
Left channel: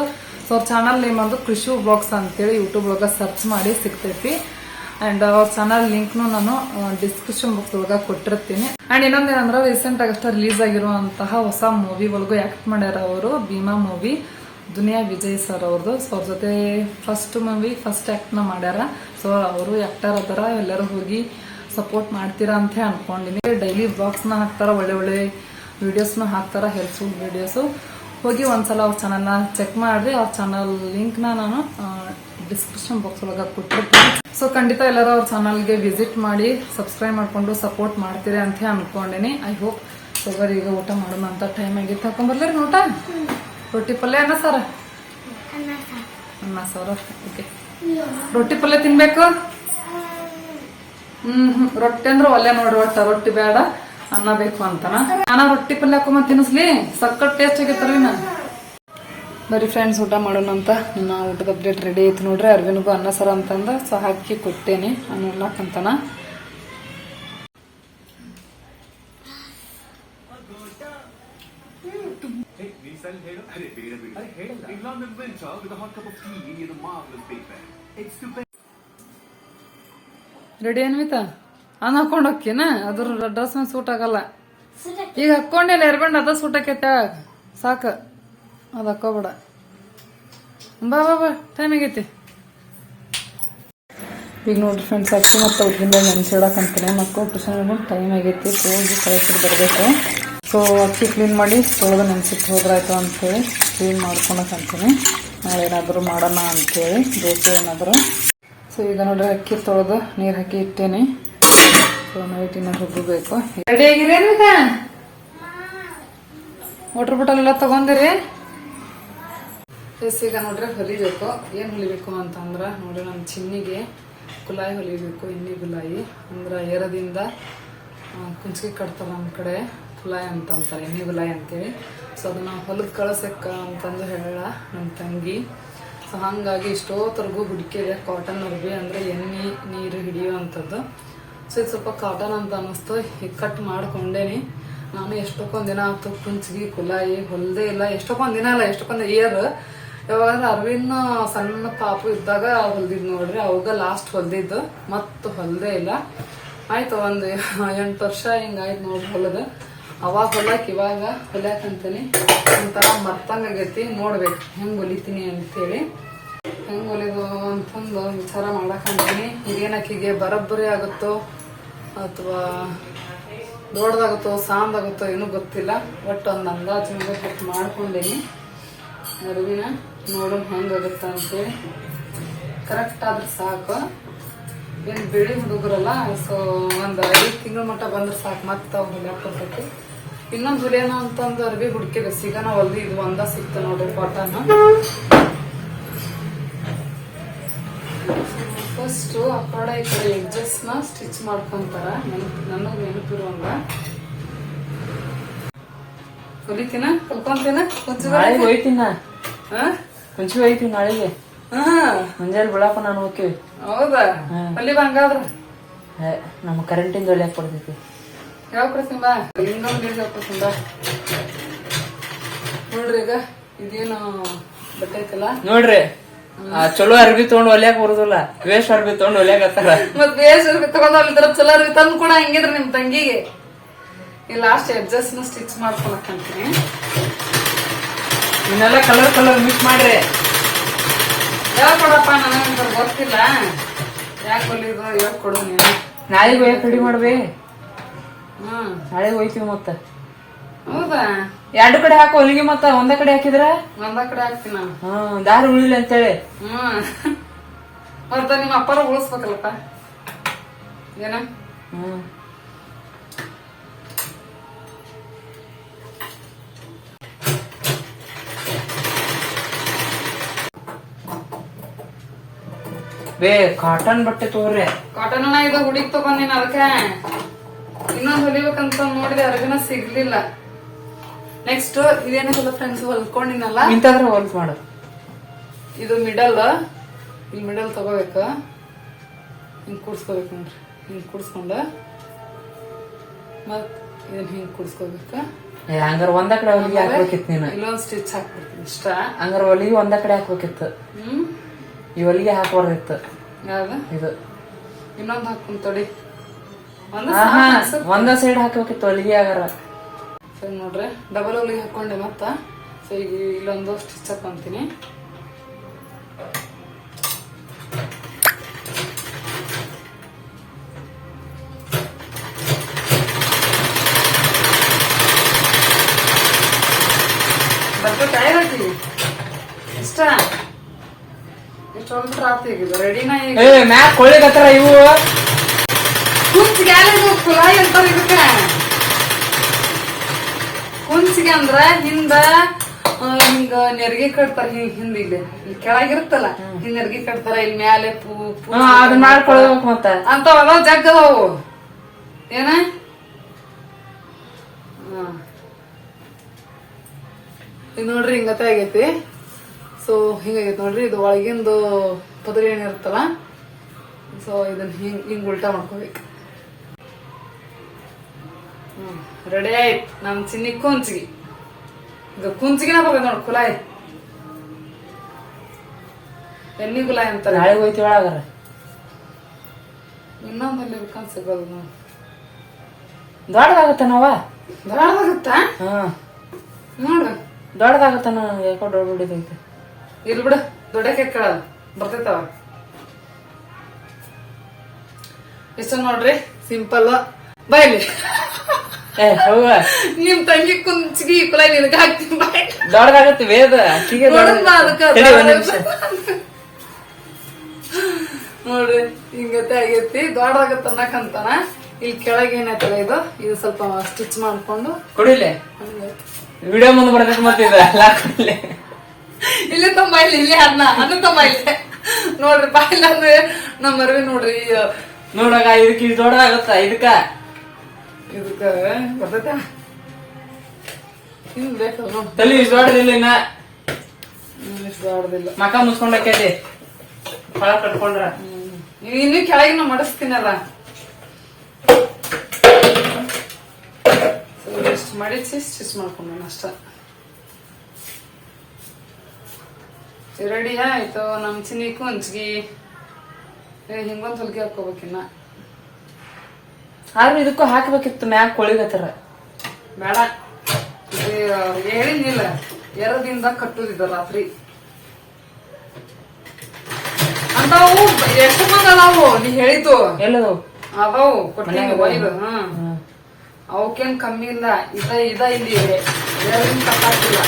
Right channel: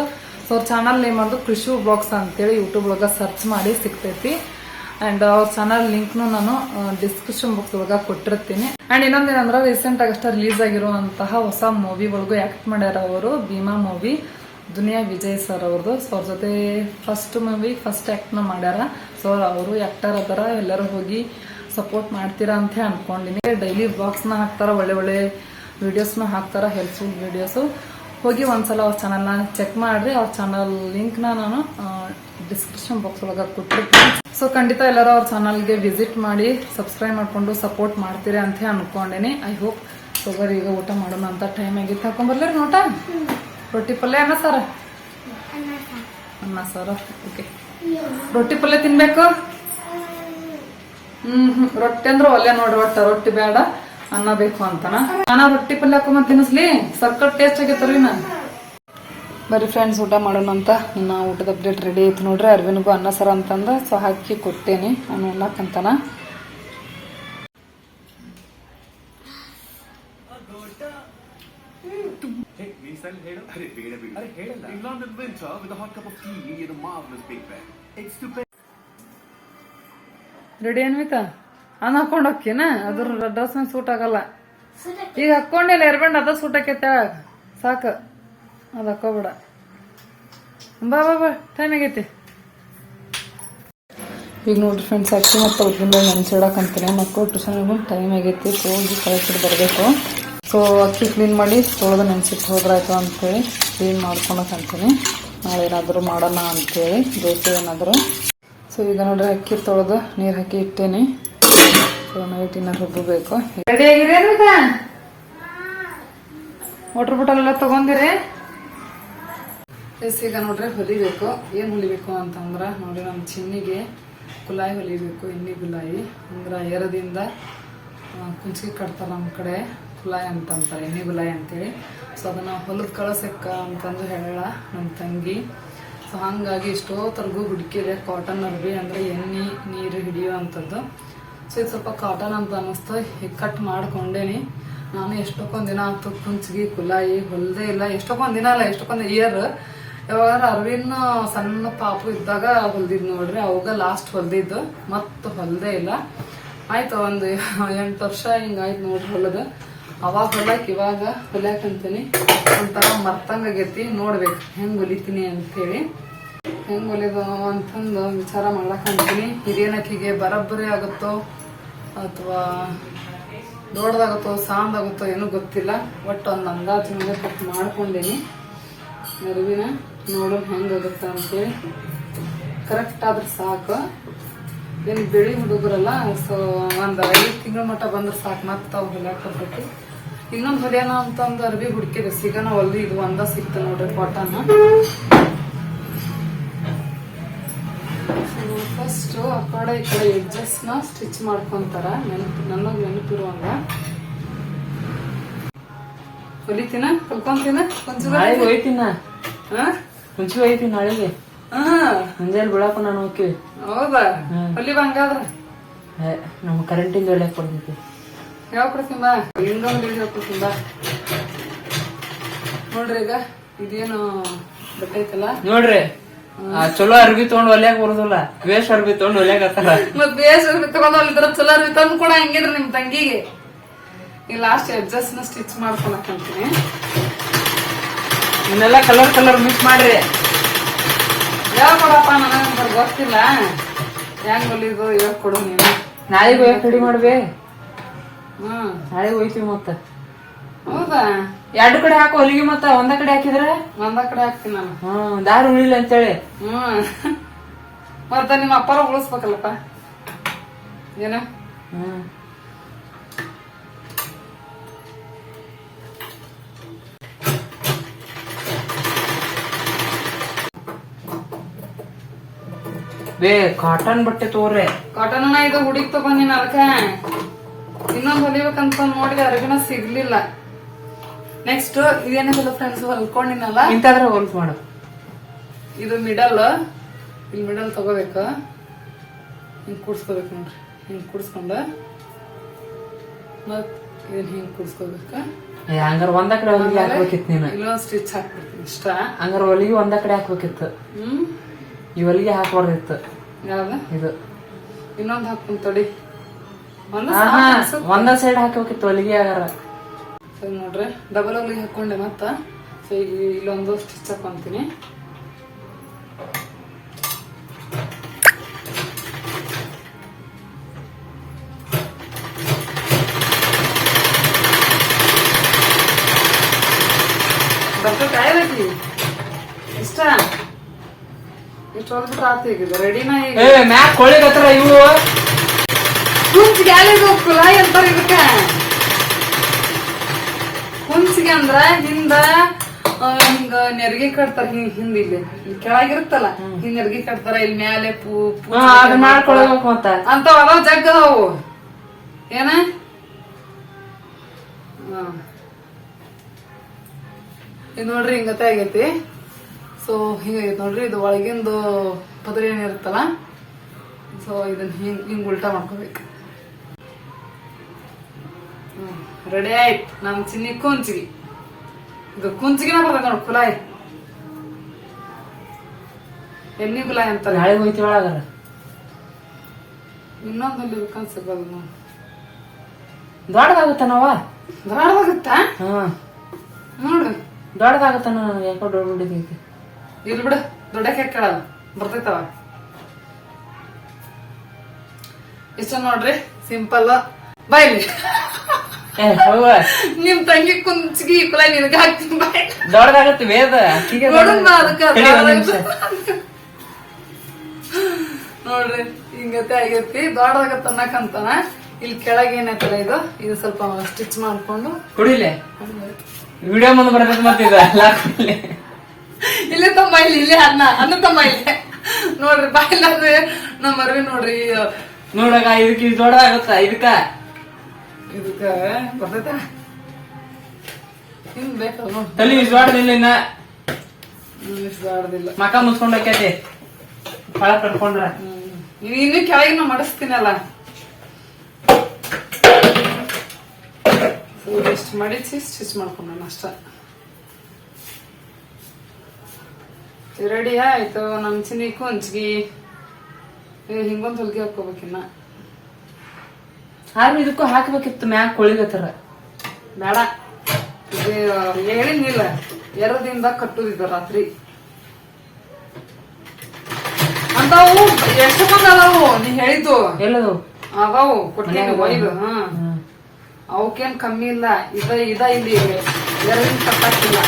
ಸೊ ಅವ್ರ ಚಾನಲ್ ನೇಮ್ ಅಂದ್ರೆ ಕೃಷಿ ಬ್ಲಾಗ್ಸ್ ಅಂತೇಳಿ ಯೂಟ್ಯೂಬ್ ಒಳಗ ಸರ್ಚ್ ಮಾಡಿ ಸಿಗ್ತೈತಿ. ಅಂಡ್ ಅವ್ರ ಚಾನಲ್ ಲಿಂಕ್ನು ನಾನು ಡಿಸ್ಕ್ರಿಪ್ಷನ್ ಬಾಕ್ಸ್ ಒಳಗ ಕೊಟ್ಟಿರ್ತೀನಿ. ಅಂಡ್ ಇನ್ನೊಂದೇನಂದ್ರೆ ರೀಸೆಂಟ್ ಆಗಷ್ಟ ರಿಲೀಸ್ ಆಗಿರುವಂತಹ ಹೊಸ ಮೂವಿ ಒಳಗೂ ಆಕ್ಟ್ ಮಾಡ್ಯಾರ ಅವರು, ಭೀಮಾ ಮೂವಿ ದುನಿಯಾ ವಿಜಯ್ ಸರ್ ಅವ್ರದ್ದು ಸೊ ಅವ್ರ ಜೊತೆ ಫಸ್ಟ್ ಮೂವಿ ಫಸ್ಟ್ ಆಕ್ಟ್ನ ಮಾಡ್ಯಾರ. ಸೊ ಅವರು ಆಕ್ಟರ್ ಅದರ, ಎಲ್ಲರೂ ಹೋಗಿ ಸಪೋರ್ಟ್ ಮಾಡ್ತೀರಾ ಅಂತ ಅನ್ಕೊಂಡಿನಿ ಡೈಲಿ ಬ್ಲಾಗ್ಸ್ನ ಹಾಕ್ತಾರ, ಒಳ್ಳೆ ಒಳ್ಳೆ ವಿಡಿಯೋಸ್ ಹಾಕ್ತಾರೆ ಹೆಲ್ಪ್ಫುಲ್ ವಿಡಿಯೋಸು ಹೋಗಿ ಒಂದ್ಸಲ ಅವ್ರ ಚಾನಲ್ನ ಚೆಕ್ ಮಾಡ್ರಿ, ಅವ್ರ ಚಾನಲ್ ಲಿಂಕ್ನ ನಾನು ಡಿಸ್ಕ್ರಿಪ್ಷನ್ ಬಾಕ್ಸ್ ಒಳಗೆ ಕೊಟ್ಟಿರ್ತೀನಿ. ಸೊ ಖಂಡಿತ ಎಲ್ಲರೂ ಅವ್ರ ಚಾನಲ್ಗೆ ವಿಸಿಟ್ ಮಾಡಿ ಸಬ್ಸ್ಕ್ರೈಬ್ ಮಾಡಿಕೊಂಡು ಸಪೋರ್ಟ್ ಮಾಡ್ತೀರಿ ಅಂತ ಅನ್ಕೊಂಡಿನಿ. ಐ ಹೋಪ್ ಶುಗರ್ ಈಗ ಊಟ ಮಾಡೋಣ ಅಂತ ಟೈಮ್ ಆಗಿತ್ತು ರೀ ಊಟ? ರೊಟ್ಟಿ ಪಲ್ಯ ಅನ್ನ ಸರ್? ಅನ್ನ ಸರ್ ಓಕೆ ರೊಟ್ಟಿ ಪಲ್ಯ ತಿನ್ಬೇಕು? ಹ್ಮ್ ಹ್ಮ್. ರೊಟ್ಟಿ ಅಂದ್ರೆ ಒಲ್ಲೆ ನೋಡ್ರಿ ಒಟ್ಟ, ರೊಟ್ಟಿ ಬೇಡ ಅನ್ನ ಬೇಕು ಅಂತನ? ನಾನ ರೊಟ್ಟಿ ಪಲ್ಯ ಹಾಕೊಂಬ ತಿನ್ನಿಸ್ಲಿ. ಸಕ್ಕತ್ ಟೇಸ್ಟ್ ಆಗೈತಲ್ರಿ ನಾ ಬರೀ ಫ್ರೆಂಡ್ಸ್ ಊಟ ಮಾಡೋಣ ಅಂತ. ನನ್ನ ಊಟದ ಅಪ್ಡೇಟ್ ರೆಡಿ ಆಯ್ತು ನೋಡ್ರಿ. ಅರ್ವಿನಿಗೂ ಅನ್ನ ಸರ ಅಂತಂದ. ಸೊ ಹಾಕಿ ಕೊಟ್ಟೇನಿ. ನಾನು ಉಣ್ಣಾಕಂತನ ರೆಡಿ ಅನ್ವಿತಾ? ಅನ್ನ ಹಾಕೊಂಡ್ ಹೋಗ್ತೀನ ಅದ್ರ ಡ್ರೆಸ್ ಮೇಲೆ ಸೂಟ್ ಆಗಲ್ಲ. ಈಗ ಹಾಕೊಂಡಿಲ್ಲ ಎರ್ಬಂಡ್ ಅದ ಸೂಟ್ ಆಕೈತೆ ಸಾಕು. ಅದ್ ಹಾಕೋಬೇಡ ಬಾ ಬಾ ಬಾ ಟೈಮ್ ಆಗೈತಿ. ಈಗ ನೋಡ್ರಿ ಫ್ರೆಂಡ್ಸ್ ಅಕ್ಕಿ ಮತ್ತು ಉದ್ದಿನ ಅಂತೀನಿ. ಮಕ್ಕಳು ಟ್ಯೂಷನ್ ಟೈಮ್ ಆಗೈತಿ. ಹೋಗಿ ಕರೆಕ್ಟ್ ಬರಬೇಕು. ಸೊ ಅಕ್ಕಿ ಕ್ಲೀನ್ ಮಾಡಿ ತೊಳೆದು ನೆನ್ಸಿಟ್ಟು ಹೋದ್ರಾಯ್ತು ಅಂತೇಳಿ ಕ್ಲೀನ್ ಮಾಡ್ಕೊಳಕಂತೀನಿ ನಾಳೆ ಏನಾದರೂ ಮಾಡೋಣ ಅಂತೇಳಿ, ದೋಸೆ ಏನಾದರೂ. ಸೊ ಈಗ ನೋಡ್ರಿ ಅಕ್ಕಿ ತೊಳೆದು ನೀರು ಹಾಕಿ ಇಟ್ಟೇನಿ. ಸೊ ನೈಟ್ ಹೋಗಬೇಕು ರೆಡಿ ಆಗಿರೇನು ವಾಟರ್ ಬಾಟಲ್ ಎಲ್ಲ ತಗೊಂಡಿರಿ? ಎಸ್, ಈಗ ನೋಡ್ರಿ, ಹೊಲಿಬೇಕು. ಏನ್ ಹೊಲಿಬೇಕು ಅಂತಂದ್ರ, ನೋಡ್ರಿ ನಮ್ಮ ಚಿನ್ನಿಗೆ ಕುಲಾಯಿ ಹೊಲಿಬೇಕು ಎಣ್ಣೆ ಗುಲಾಯಿ. ಅಂದ್ರ ಎರದಿಂದ ಕುಂಚಿಗೆ ಕಟ್ತಾರ ನಮ್ಮ ಕಡೆ ಕುಲಾಯಿ ಅಂತಂತಾರೆ ಎಣ್ಣೆ ಗುಲಾಯಿ ಅಂತೇಳಿ. ಸೊ ಅದನ್ನ ಹೊಲದ ಕಳಸಕ್ಕ ಅಂತಂದು ಹೇಳ ನಮ್ಮ ತಂಗಿ. ಸೊ ಹಂಗಾಗಿ ಇಷ್ಟೋತ್ತರೆಗೂ ಹುಡುಕಿದೆ ಕಾಟನ್ ಅರ್ಬಿ ಅಂದ್ರೆ ಎಣ್ಣೆ, ನೀರು ಹಿಡಿಯುವಂಥದ್ದು. ಸೊ ಇದು ಸ್ವಲ್ಪ ಕಾಟನ್ ಅಂತ ಅನ್ನಿಸ್ತು. ಈಗ ಕಟ್ ಮಾಡ್ಕೊಂಡೇನಿ. ನಾನು ಎಷ್ಟೊಕ್ಕೊಂದ್ ದಿನ ಆಯ್ತು ಕುಂಚಿಗೆ, ಕುಲಾಯಿ, ಹೊಲ್ದೇ ಇಲ್ಲ. ಎಷ್ಟೊಕ್ಕೊಂದ್ ದಿನ ಅಲ್ಲ, ಎಷ್ಟೊಕ್ಕೊಂದ್ ಇಯರ್ ಯಾವಾಗ ಅರವಿಂದ್ ಸಣ್ಣ ಪಾಪು ಇದ್ದಾಗ ಹೊಲ್ದಿದ್ ನೋಡ್ರಿ. ಅವಾಗ ಲಾಸ್ಟ್ ಹೊಲ್ದಿದ್ದು. ಮತ್ ಹೊಲ್ದೇ ಇಲ್ಲ. ಆಯ್ತು, ಒಂದ್ ಎಂಟು ವರ್ಷ ಹಿಂಗಾಯ್ತು ನೋಡ್ರಿ ಹೊಲದ. ಅವಾಗ ಹೊಲಕ್ ಇವಾಗ ಹೊಲ್ಯಾಕಂತೀನಿ. ಒಂಥರ ಮರ್ತಂಗಾಗೈತಿ ನೋಡ್ಬೇಕು ಹೆಂಗ್ ಹೊಲಿತೀನಿ ಅಂತೇಳಿ. ಹೆಂಗ್ ಹೊಲಿದು ಅಂತಂದು ವಿಚಾರ ಮಾಡಕಂತೀನಿ ಹಿರಿಯನಕ್ಕಿಗೆ ಬರಬ್ಬರಿ ಆಗುತ್ತೋ ಅಥವಾ ದೊಡ್ಡದಾಗುತ್ತೋ ಸಾಂದಾಗುತ್ತೋ ಏನೂ ಗೊತ್ತಿಲ್ಲ. ಒಟ್ಟು ಒಂದು ಅಂದಾಜು ಮೇಲೆ ಕಟ್ ಮಾಡ್ಕೊಂಡೇನಿ. ಅರಿವಿನ ನೋಡೋಣ ಹೆಂಗಾಗುತ್ತೆ ಅಂತೇಳಿ. ಕರೆಕ್ಟ್ ಆದ್ರೆ ಸಾಕು. ಏನು ಬಿಳಿ ಹುಡುಗರಲ್ಲ ಸೊ ಒಂದು ಐದು ತಿಂಗಳ ಮಟ್ಟ ಬಂದ್ರೆ ಸಾಕು. ಮತ್ತೆ ಅವು ಹೊಲ್ಯಾಕ ಇನ್ನೊಂದು ಹೊಲಿಯೋಣ ಅಂತಂದು ಅರ್ಬಿ ಹುಡುಕಿದೆ ಸಿಗೋಣ ಹೊಲ್ದಿ ಇದು ಒಂದ ಸಿಕ್ತು ನೋಡ್ರಿ ಕಾಟನ್ ಫಸ್ಟ್ ಆ ಕಡೆ ಈ ಕಡೆ ಎಡ್ಜಸ್ನ ಸ್ಟಿಚ್ ಮಾಡ್ಕೊಂತಾರ. ನೆನಪು ನನಗೆ ನೆನಪಿರುವಂಗ. ಹೊಲಿತೀನ? ಕಲ್ಕೊಂತೀನ? ಕೊಂಚಿನ ಹೋಯ್ತೀನಿ? ಮುಂಚೆ ಹೋಯ್ತೀನಿ ನಾಳೆಗೆ. ಮುಂಜಾನೆ ಬಿಳಾಕ ನಾನು ಹೋಗ್ತೀವಿ. ಹೌದಾ? ಹೊಲಿವ ಹಂಗಾದ್ರ? ನಮ್ಮ ಕರೆಂಟಿಂದ ಒಳ್ಳೆ ಕೊಡ್ತೈತಿ ಯಾವ ಕೊಡ್ತೀನಿ ಬಾ? ಇನ್ನೊಂದು ಬೀಜ ಕೊಡ್ತೀನಿ ಬಾ. ನೋಡ್ರಿ ಈಗ ಇದೇನು ಬಟ್ಟೆ ಐತಲ್ಲ ನೋಡ್ರಿ. ಚಲೋ ಅರ್ಬಿ ತಗೊಂಡ್ ಒಲ್ಯಾಗ ಬರುದಿಲ್ಲ. ವೇಷ ಅರ್ಬಿ ತಗೊಂಡ್ ಒಲ್ಯಾಗ ಮತ್ ಅರ್ಬಿ ತಗೊಂಡ್ ಚಲೋ ಅರ್ಬಿ ತಂದು ಕೂಡ ಹೆಂಗಿದ್ರ ನಿಮ್ ತಂಗಿಗೆ. ಈ ಲಾಸ್ಟ್ ಅಡ್ಜಸ್ಟ್ನ ಸ್ಟಿಚ್ ಮಾಡ್ಕೊಳಕಂತೀನಿ. ಇವನ್ನೆಲ್ಲ ಕಲರ್ ಕಲರ್ ಮಿಕ್ಸ್ ಮಾಡ್ರಿ. ಯಾವ ಕೊಡಪ್ಪ ನನಗೆ ಗೊತ್ತಿಲ್ಲ. ಹೆಂಗ್ ಹೊಲಿದು ಹೇಳ್ಕೊಡು ನೀನು? ನಾಳೆಗೆ ಹೋಗಿ ರೆಡಿ ಮಾಡ್ಬೇ. ಹ್ಮ್. ನಾಳೆಗೆ ಹೋಯ್ತೀವಿ ಮತ್ತ. ಹೌದಾ? ಎರಡು ಕಡೆ ಹಾಕೋ ಹೊಲಿಗೆ ಮತ್ತ ಒಂದ ಕಡೆ ಹಾಕಿದ್ರ? ಒಂದ ಕಡೆ ಹಾಕ್ತೀನಿ ನಾನು. ಹ್ಮ್ ದಾರಿ ಉಳಿಲ್ಲ ಅಂತೇಳಿ. ಹ್ಮ್. ಮತ್ತ ನಿಮ್ಮ ಅಪ್ಪಾರ ಉಳಿಸ್ಬೇಕಲ್ಲಪ್ಪ? ಏನ? ಹ್ಮ್. ಬೇ ಕಾಟನ್ ಬಟ್ಟೆ ತೋರ್ರೆ ಕಾಟನ್ ಇದು ಹುಡುಗಿ ತಗೊಂಡಿನ ಅದಕ್ಕೆ. ಇನ್ನೊಂದ್ ಹೊಲಿಬೇಕಂತ ನೋಡಿದೆ ಅರಗಿನ ಸಿಗ್ಲಿಲ್ಲ. Next ಇದೇನಿಲ್ಲ friends ಹೊಲ್ಕೊಂಡಿನಲ್ಲ? ಇಂತಾದ್ರೆ ಹೊಲ್ಕ್ ಮಾಡು. ಇದು ಮಿಡಲ್ ಇಲ್ಲಿ ಮಿಡಲ್ ತಗೋಬೇಕ. ಹಿಂಗ್ ಕುಡ್ಸ್ಕೋಬೇಕು ನೋಡ್ರಿ. ಹಿಂಗ್ ಕುಡ್ಸ್ಕೊಂಡ. ಮತ್ ಇದನ್ನ ಹಿಂಗ್ ಕುಡ್ಸ್ಕೋಬೇಕ. ಹಂಗಾರ ಒಂದ ಕಡೆ ಹೊಲಿಗೆ ಹಾಕ್ಬೇಕಿತ್ತು ನೀನು. ಇಲ್ಲೊಂದ್ ಸ್ಟಿಚ್ ಹಾಕ್ಬಿಡ್ತೀನಿ ಇಷ್ಟ? ಹಂಗಾರ ಹೊಲಿಗೆ ಒಂದ ಕಡೆ ಹಾಕ್ಬೇಕಿತ್ತು. ಹ್ಮ್? ಈ ಹೊಲಿಗೆ ಹಾಕ್ಬಾರ್ದಿತ್ತು. ಯಾವ್ದ? ಇದು. ಇನ್ನೊಂದ್ ಹಾಕ್ತೀನಿ ತಡಿ. ಒಂದ ಒಂದ ಸೈಡ್ ಹಾಕ್ಬೇಕಿತ್ತು ಹೊಲಿಗೆ ಆಗಾರ ನೋಡ್ರಿ. ಡಬಲ್ ಹೊಲಿಗೆ ಹಾಕೊಂಡೆ ಮತ್ತ. ಸೊ ಈಗ ಇಲ್ಲೊಂದು ಸ್ಟಿಚ್ ಹಾಕೊಂತೀನಿ. ಇಷ್ಟ? ಇಷ್ಟು ಹೊಲ್ಬಿಟ್ರೆ ಆತು ಈಗ? ರೆಡಿನ ಈಗ? ಮ್ಯಾಕ್ ಕೊಳಿಗತ್ತಾರ ಇವು. ಕುಂಚ್ ಗ್ಯಾಲಿ ಕುಲಾಯಿ ಅಂತಾರೆ ಇದಕ್ಕ. ಕುಂಚಿಗೆ ಅಂದ್ರ ಹಿಂದ ಹಿಂಗ ನೆರಿಗೆ ಕಟ್ತಾರ ಹಿಂಗ್ ಹಿಂದ ಇಲ್ಲಿ. ಕೆಳಗಿರುತ್ತಲ್ಲ ಹಿಂಗ್ ನೆರಿಗೆ ಕಟ್ತಾರ ಇಲ್ಲಿ ಮ್ಯಾಲೆ ಪೂ ಮಾಡ್ಕೊಳ್ಬೇಕು ಅಂತ ಅದಾವ ಜಗ್ ಅದಾವು. ಏನ. ಇದು ನೋಡ್ರಿ ಹಿಂಗತೆ ಆಗೈತಿ. ಸೊ ಹಿಂಗಾಗೈತಿ ನೋಡ್ರಿ ಇದು ಒಳಗಿಂದು ಪದರಿ ಏನಿರುತ್ತಲ್ಲ ಸೊ ಇದನ್ನ ಹಿಂಗ್ ಹಿಂಗ್ ಉಲ್ಟಾ ಮಾಡ್ಕೋಬೇಕು. ರೆಡಿ ಆಯ್ತು. ನಮ್ ಚಿನ್ನಿ ಕುಂಚಿಗೆ ಇದು ಕುಂಚಿಗೆನ ಬರ್ಬೇಕು ನೋಡಿ ಕುಲಾಯಿ. ಎಲ್ಲಿ ಕುಲಾಯಿ ಅಂತ ನಾಳೆ ಹೋಯ್ತಿ ಒಳಗಾರ ಇನ್ನೊಂದಲ್ಲಿ ಬೇಕಂತ ಸಿಗೋದು ನೋಡಿ. ದೊಡ್ಡದಾಗುತ್ತ ನಾವ? ದೊಡ್ಡದಾಗುತ್ತ? ನೋಡ್ರಿ ದೊಡ್ಡದಾಗುತ್ತ ನಾನು ಯಾಕೋ ದೊಡ್ಡ ಬಿಡಿದೈತಿ ಇರ್ಲಿ ಬಿಡು ದೊಡ್ಡಕ್ಕೆ ಕೇಳಲ್ಲ ಬರ್ತೈತವ. ಇಷ್ಟ ನೋಡ್ರಿ ಸಿಂಪಲ್ ಬೈಲಿ. ನಿಮ್ ತಂಗಿ ಕುಂಚಿಗಿ ಕುಲ ನಿನಗ ಹಾಕ್ತೀನಿ ಬಾಯ್ ದೊಡ್ಡದಾಗತ್ತೆ ವೇದ ನೋಡೋಣ ಬಾ ಅದಕ್ಕ ನೋಡ್ರಿ ಹಿಂಗತೆ ಆಗೈತಿ. ದೊಡ್ಡದಾಗತ್ತ ಅನ್ನಕಂತಾನ ಇಲ್ಲಿ ಕೆಳಗೆ ಏನಾಯ್ತಲ್ಲ ಇದು? ಇದು ಸ್ವಲ್ಪ ಸ್ಟಿಚ್ ಮಾಡ್ಕೊಂಡು. ಕುಡಿಲೆ. ವಿಡಿಯೋ ಮುಂದೆ ಬರ್ಬೇಕು ಮತ್ತೆ ಇಲ್ಲೇ ತಮ್ಮ ಇಲ್ಲಿ ಇಲ್ಲೇ ಅನ್ನ. ಅನ್ನ ತಮ್ಮ ಇಲ್ಲೇ. ನೋಡ್ರಿ ಬಾಯಿಲ್ಲ ಅಂದ್ರೆ ನಮ್ಮ ಅರ್ವಿ ನೋಡ್ರಿ ನೋಡಾಗ ಇದಕ್ಕೆ ಇದು ದೊಡ್ಡದಾಗತ್ತ ಇದಕ್ಕ? ಇದಕ್ಕ ಬರ್ತೈತ? ಹಿಂಗ್ ಬೇಕು. ತಲಿ ದೊಡ್ಡದಿಲ್ಲ ಇನ್ನ. ದೊಡ್ಡದಿಲ್ಲ ಮಕ ಮುಸ್ಕೊಂಡಕ್ಕೆ ಅಲ್ಲಿ. ಕೆಳ ಕಟ್ಕೊಂಡ್ರ. ಇನ್ನು ಕೆಳಗಿನ ಮಡಿಸ್ತೀನಲ್ಲ. ಇಷ್ಟು ಮಡಿಸಿ ಸ್ಟಿಚ್ ಮಾಡ್ಕೊಂಡ ಅಷ್ಟ. ರೆಡಿ ಆಯ್ತು. ನಮ್ ಚಿನ್ನಿ ಹಂಚ್ಗಿ ಏ, ಹಿಂಗೊಂದ್ ಹೊಲ್ಗೆ ಹಾಕೋಬೇಕಿನ್ನ ಆದ್ರೆ ಇದಕ್ಕೂ ಹಾಕ್ಬೇಕಿತ್ತು ಮ್ಯಾಕ್ ಕೊಳಿಗತ್ತರ. ಬೇಡ. ಇದು ಎರಡು ಎರದಿಂದ ಕಟ್ಟುದಿದ ರಾತ್ರಿ. ಅಂತಾವು ಎಷ್ಟು ಅದಾವು ನೀ ಹೇಳಿದ್ದು. ಎಲ್ಲದು? ಅದಾವು ಕೊಟ್ಟಿನಿ ಒಯ್ದು ಹಾ. ಅವಕ್ಕೇನ್ ಕಮ್ಮಿ ಇಲ್ಲ. ಇದ ಇದ ಇಲ್ಲಿ. ಎರಡಿನ ಕಟ್ಟಾಕಿಲ್ಲ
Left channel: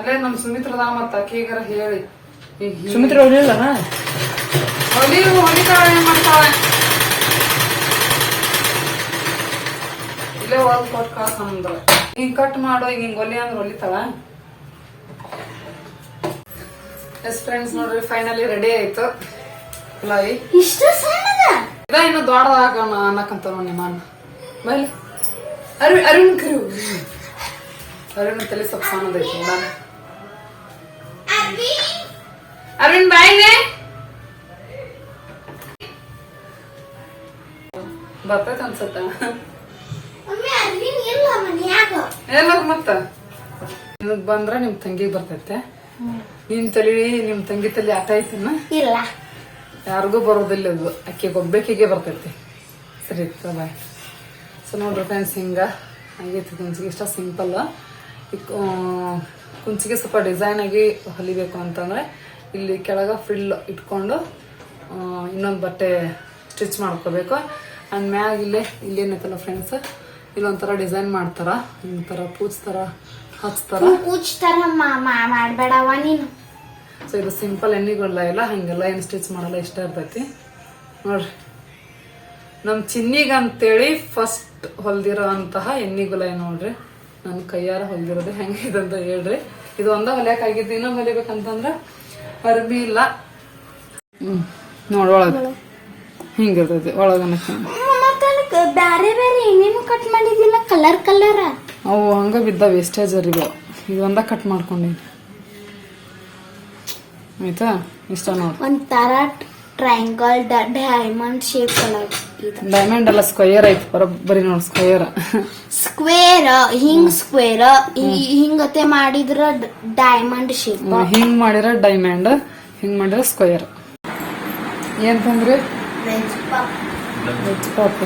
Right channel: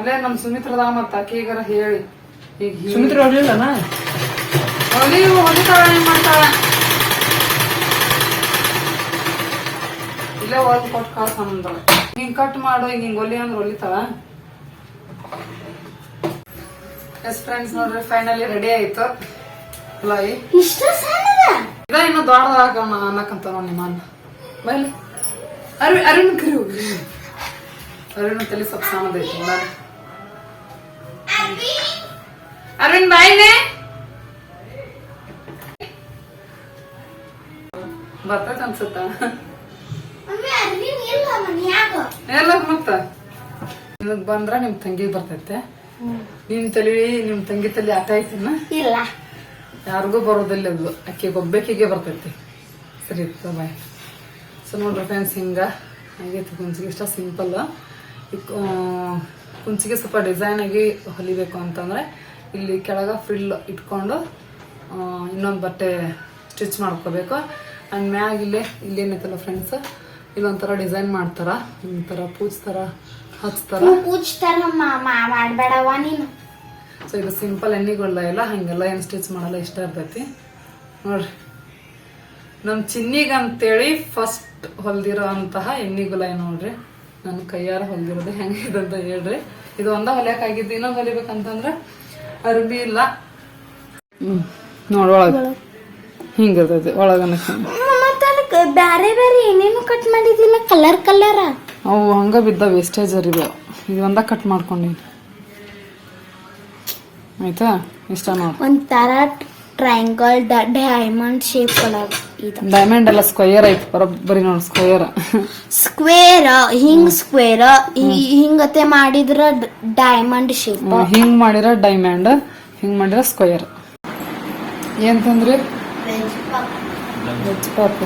ಅಲ್ಲೇ ನಮ್ ಸುಮಿತ್ರದ ಮತ್ತ ಅಕ್ಕಿಗರ ಹೇಳಿ. ಈಗ ಸುಮಿತ್ರ ಹೊಲಿಲ್ಲನ ಹೊಲಿ ಹೊಲಿತಾಳ ಏನ್ ಮಾಡ್ತಾಳ? ಇಲ್ಲೇ ಒಳಗ್ ಕೊಟ್ಟು ಕಳ್ಸಂದಳ ಹಿಂಗ್ ಕಟ್ ಮಾಡು ಈಗ ಹಿಂಗ್ ಹೊಲಿ ಅಂದ್ರೆ ಹೊಲಿತಾಳ? ಎಸ್ ಫ್ರೆಂಡ್ಸ್ ನೋಡ್ರಿ ಫೈನಲಿ ರೆಡಿ ಆಯ್ತು. ಲೈ ಇಷ್ಟು ಸಣ್ಣದ ಇದ ಇನ್ನು ದೊಡ್ಡದಾಗೋಣ ಅನ್ನಕಂತ ನೋಡಿ ನಿಮ್ಮ ಅಣ್ಣ ಬೈಲಿ. ಅರುಣ್ ಅರುಣ್ ಕರು. ಅರುಣ್ ತಲೆ ಸ್ವಲ್ಪ ಸಣ್ಣದೈತಿ. ನೋಡ ಅರುಣ್ ಬಾಯ್ನೆ ಬರ್ತೈತೆ ಅನ್ಸುತ್ತ. ಎಲ್ಲ ಮತ್ತ. ನಿಮಗ್ ಬಂದ್ರ ನಿಮ್ ತಂಗಿ ಬರ್ತೈತೆ. ನಿಮ್ ತಲಿ ನಿಮ್ ತಂಗಿ ತಲಿ ಆಟ ಐತಿನ ಇಲ್ಲ. ಯಾರಿಗೂ ಬರೋದಿಲ್ಲ ಅದು. ಅಕ್ಕಿ ಒಬ್ಬಾಕಿಗೆ ಬರ್ತೈತಿ. ಸರಿ ಬಾಯ್ ಸೊ ನೋಡ್ರಿ ಫ್ರೆಂಡ್ಸ್ ಹಿಂಗ ಆಗೈತಿ ಕುಂಚಿಗೆ. ಇಷ್ಟ ಸಿಂಪಲ್ ಕುಂಚಿಗೆ ಸ್ವಲ್ಪ ಡಿಸೈನ್ ಆಗಿ ಹೊಲಿಬೇಕು ಅಂತಂದ್ರೆ ಇಲ್ಲಿ ಕೆಳಗೆ ಫಿಲ್ ಇಟ್ಕೊಂಡು ಇನ್ನೊಂದು ಬಟ್ಟೆ ಸ್ಟಿಚ್ ಮಾಡ್ಕೋಬೇಕು. ಆ್ಯಂಡ್ ಮ್ಯಾಗ ಇಲ್ಲೇ ಇಲ್ಲೇನೈತಲ್ಲ ಫ್ರೆಂಡ್ಸ್ ಇಲ್ಲೊಂಥರ ಡಿಸೈನ್ ಮಾಡ್ತಾರ. ಒಂಥರ ಪೂಜ್ ತರ ಹಚ್ತಾರ ಮಾಡ್ಬೇಡವ ನೀನು. ಸೊ ಇದು ಸಿಂಪಲ್ ಎಣ್ಣೆಗಳ ಇಲ್ಲ ಹಂಗೆಲ್ಲ ಏನು ಸ್ಟಿಚ್ ಮಾಡಲ್ಲ ಇಷ್ಟ ಇರ್ತೈತಿ. ನೋಡ್ರಿ. ನಮ್ಮ ಚಿನ್ನಿಗೆ ಅಂತೇಳಿ ಫಸ್ಟ್ ಹೊಲ್ದಿರೋ ಅಂತಹ ಎಣ್ಣಿಗುಲ ನೋಡ್ರಿ? ನನ್ನ ಕೈಯಾರ ಹೊಲ್ದಿರೋದು ಹೆಂಗಿದೆ ಅಂತ ಹೇಳ್ರಿ. ಇದು ಒಂದ ಹೊಲಿಯಕ್ಕಾಗಿದ್ದು ಇನ್ನೊಂದು ಹೊಲಿಬೇಕಂತಂದ್ರ ಅರ್ಬಿ ಇಲ್ಲ. ಹ್ಮ್ ನೋಡ್ ಒಳಗ. ಹಿಂಗಿರ್ತೈತಿ ಒಳಗನ ಬ್ಯಾರೆ ಬೇರೆ ಏನೇನು ಕಟ್ ಮಾಡಿದಿಲ್ಲ ಕಲರ್ ಕಲರ್ ಅವು ಹಂಗ ಬಿದ್ದ ವೇಸ್ಟೇಜ್ ಅರಿವೆ ಇದು ಒಂದ ಕಟ್ ಮಾಡ್ಕೊಂಡಿ ಆಯ್ತಾ? ಇಷ್ಟ ನೋಡಿ. ಒಂಥರ ಟ್ರಯಾಂಗಲ್ ಡೈಮಂಡ್ ಶೇಪ್ ಇದು ಡೈಮಂಡ್ ಎಲ್ಲ ಸ್ಕ್ವೇರ್ ಐತಿ ಬರೋಬ್ಬರಿ ನೋಡಿ ಸ್ಕ್ವೇರ್ ಸ್ಕ್ವೇರ್ ಹಿಂಗ್ ಸ್ಕ್ವೇರ್ ಹಿಂಗತೆ ಮಾಡಿದ್ರ ಡೈಮಂಡ್ ಶೇಪ್ ಹಿಂಗ್ ಮಾಡಿರ ಡೈಮಂಡ್ ಹಿಂಗ್ ಮಾಡಿರ ಸ್ಕ್ವೇರ್ ಏನ್ ತಂದ್ರಿ ವೆಜ್ ಪಾಪ್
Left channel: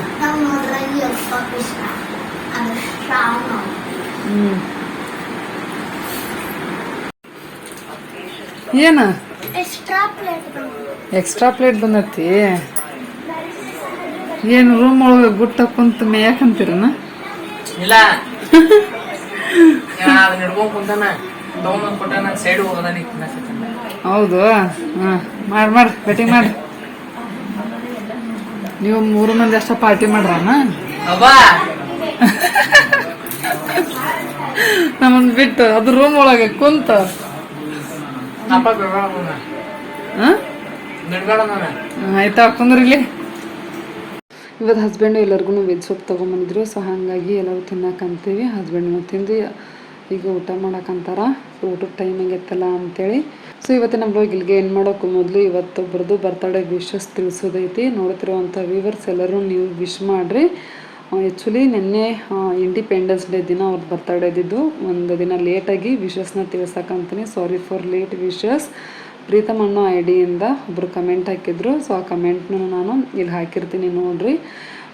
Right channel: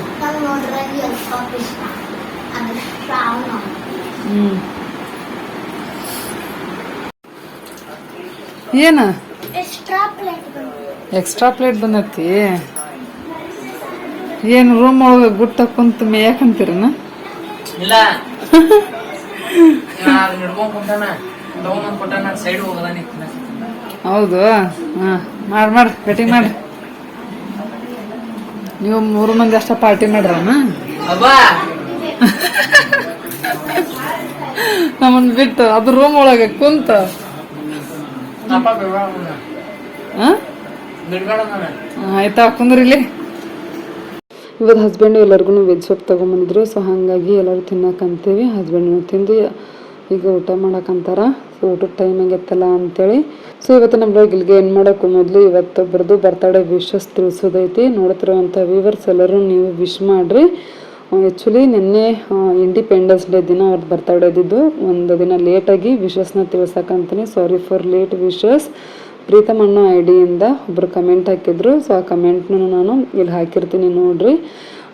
ಹ್ಮ್. ಏನ? ಎಕ್ಸ್ಟ್ರಾ ಪ್ಲೇಟ್ ಎಕ್ಸ್ಟ್ರಾ ಪ್ಲೇಟ್ ಬಂದತಿ. ಏನ್ ರೂಮ್ ಒಳಗ ಗುಟ್ಟ ಕುಂತ ಮೇಯಕಂತೀರನ? ಇಲ್ಲ. ಹೌದು. ಹಾ ಮಾಡ್ ಮಾಡ್ ಬೆಟ್ಟಿಂಗ್ ಮಾಡ್ರಿ ನೀವು ಮೂರು ಮಂದಿ ಅಷ್ಟ ಪಾರ್ಟಿ ಮಾಡ್ರಮ್ಮ ನಮ್ಮನ್ ಬಿಟ್ಟು ಅದು ರೂಮ್ ಒಳಗೆ ಕುಂತ. ಹಾ? ಆಯ್ತಾ ಕುಂದ್ರಿಲಿ. ಇಲ್ಲಿ ಇವತ್ತು ಹಸ್ಬೆಂಡ್ ಎಲ್ಲರಿಗೂ ವೆಜ್ ಸೊಪ್ಪು ತೊಗೊಂಬಂದಿದ್ರು ಸೊ ಹಾಗಾಗಿ ಎಲ್ಲರೂ ತಿನ್ನಕಂತೀವಿ ಹಸ್ಬೆಂಡ್ನ ತಿಂದು ಈಗ ಊಟ ಮಾಡಕ್ಕಂತಾರ ಸೊ ಊಟದ ಟೈಮ್ ಆಗೈತಲ್ಲ ಅಂತೇಳಿ. ಸೊ ಇವತ್ತು ನಮ್ಮ ಇಲ್ಲಿಗೆ ಏನು ಮಾಡೋಕ್ಕೂ ಮೊದಲು ಇವತ್ತೊಬ್ಬರದು ಬರ್ತಡೇ ವಿಶಸ್ ತಿಳಿಸೋದೈತಿ. ನೋಡ್ತಿರುವಂಥ ವ್ಯೂವರ್ಸ್ ಎಲ್ಲರೂ ನೀವು ವಿಶ್ ಮಾಡಿರಿ. ಆ್ಯಕ್ಚುಲಿ ನಿನ್ನೆ ಇಂಡಿಪೆಂಡೆನ್ಸ್ ಡೇ ದಿನ ಅವ್ರದ್ದು ಬರ್ತಡೇ ಇದ್ದಿದ್ದು. ಒಂದು ದಿನ ಲೇಟಾಗಿ ವಿಶಸ್ನ ತಿಳಿಸಕ್ಕಂತಾನೆ sorry for late wishes Preetham ಅನ್ನೋ ಐ ಡಿಯಿಂದ ಒಬ್ರು ಕಮೆಂಟ್ ಹಾಕಿದ್ರು. ಸೊ ಆ ಕಮೆಂಟ್ನೂ ನಾನು ಇಲ್ಲಿ ಹಾಕಿರ್ತೀನಿ ನೋಡ್ರಿ.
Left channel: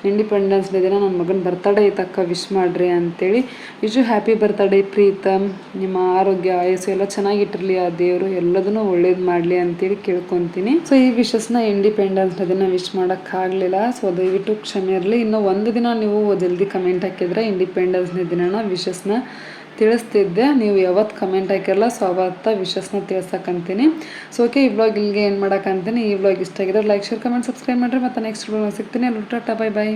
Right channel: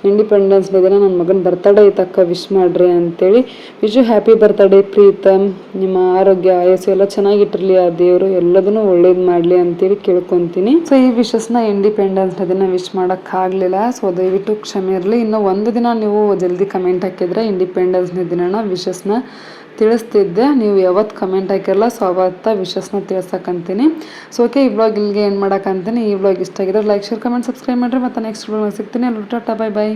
ಇಂಡಿಪೆಂಡೆನ್ಸ್ ಡೇ ದಿನ ನನ್ನ ಮಗನ ಬರ್ತಡೇ ಇತ್ತಕ್ಕ ವಿಶ್ ಮಾಡ್ರಿ ಅಂತೇಳಿ. Wish happy birthday Preetham. ನಿಮ್ಮ ಆರೋಗ್ಯ, ಆಯಸ್ಸು ಎಲ್ಲ ಚೆನ್ನಾಗಿಟ್ಟಿರಲಿ ಆ ದೇವರು. ಎಲ್ಲದನ್ನೂ ಒಳ್ಳೇದು ಮಾಡಲಿ ಅಂತೇಳಿ ಕೇಳ್ಕೊತೀನಿ. ಸೊ ಈ ವಿಶಸ್ನ ಇಂಡಿಪೆಂಡೆನ್ಸ್ ಡೇ ದಿನ ವಿಶ್ ಮಾಡೋಕ್ಕಾಗಲಿಲ್ಲ ಸೊ ದಯವಿಟ್ಟು ಕ್ಷಮೆ ಇರಲಿ. ಇನ್ನೂ ಒಂದು ದಿನ ನೀವು ಜಲ್ದಿ ಕಮೆಂಟ್ ಹಾಕಿದ್ರೆ ಇಂಡಿಪೆಂಡೆನ್ಸ್ ಡೇ ದಿನನ ವಿಶಸ್ನ ತಿಳಿಸ್ತಿದ್ದೆ. ನೀವು ಯಾವತ್ತು ಕಮೆಂಟ್ ಹಾಕಿರಲ್ಲ ಸೊ ಅವತ್ತ ವಿಶಸ್ನ ತಿಳಿಸಕ್ಕಂತೀನಿ ಸೊ ಓಕೆ ಈ ಬ್ಲಾಗ್ ಇಲ್ಲಿಗೆ ಏನು ಮಾಡೋಕ್ಕಂತೀನಿ ಈ ಬ್ಲಾಗ್ ಇಷ್ಟ ಆಗಿದ್ರೆ ಲೈಕ್ ಶೇರ್ ಕಮೆಂಟ್ ಸಬ್ಸ್ಕ್ರೈಬ್ ಮಾಡಿರಿ. ಮತ್ತು ನೆಕ್ಸ್ಟ್ ಬ್ಲಾಗ್ ಸಿಗ್ತೀನಿ. ಅಲ್ಲಿ ಟಾಟಾ ಬೈ ಬೈ